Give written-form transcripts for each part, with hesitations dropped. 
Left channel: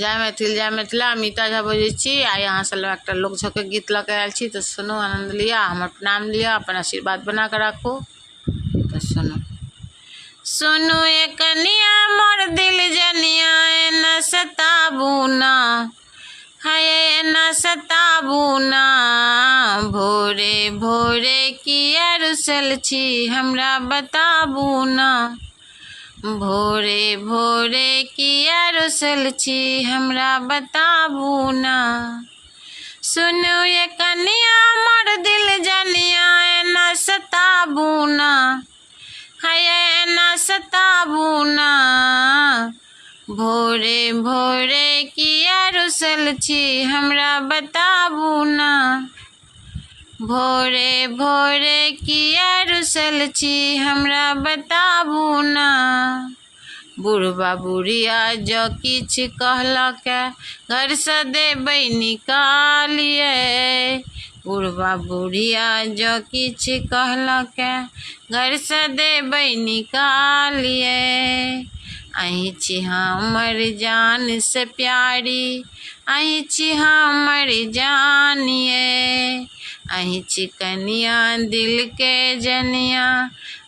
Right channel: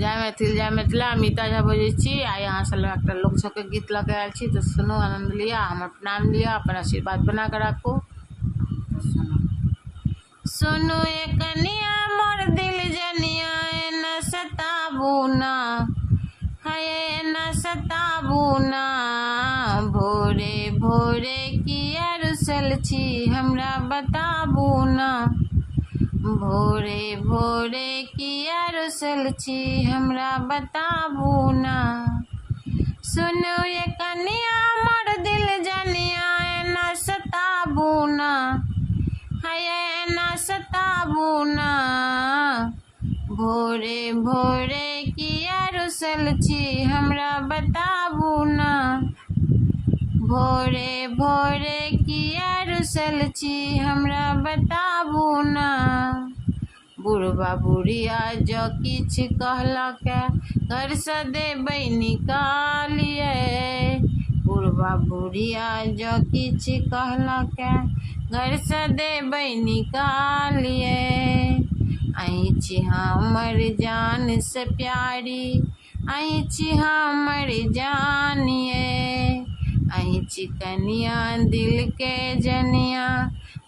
जय मैथिल जय मिथिला। अमिता झा बजै छी। आ यहाँ से एक लोक छके गीत लऽ के आयल छी, तो सुनू, आनंद लिया, हमर प्रणाम लिया, अपन आशीर्वाद बना के राखू। तो सुनू सुनू ये कनिया मोर दिल जनिया, एना सताबू ना, हाय एना सताबू ना। भोरे भोरे किया रुसल छी, हमरा बताबू ना। भोरे भोरे किया रुसल छी, हमरा बताबू ना। सुनू ये कनिया मोर दिल जनिया, एना सताबू ना, हाय एना सताबू ना। भोरे भोरे किया रुसल छी, हमरा बताबू ना। भोरे भोरे किया रुसल छी, हमरा बताबू ना। बुढ़बा बुढ़िया जो किछ कहलक, घर से देबै निकालिए। बुढ़बा बुढ़िया जो किछ कहलक, घर से देबै निकालिए। अहीं छी हमर जान से प्यारी, अहीं छी हमर जानिए। अहीं छी कनिया दिल के जनिया,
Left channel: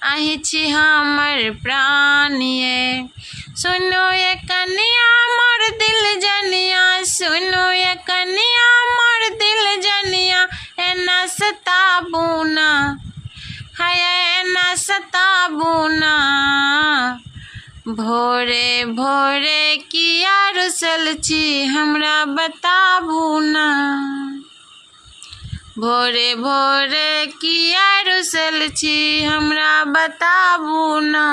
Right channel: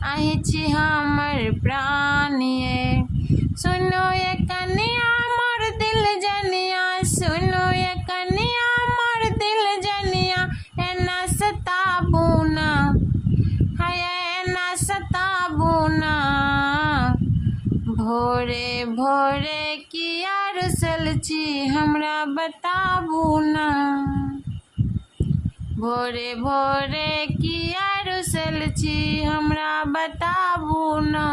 अहीं छी हमर प्राणिए। सुनो ये कनिया मोर दिल जनिया, सुनो ये कनिया मोर दिल जनिया, एना सताबू ना, हाय एना सताबू ना। भोरे भोरे किया रुसल छी, हमरा बताबू ना। भोरे भोरे किया रुसल छी, हमरा बताबू ना।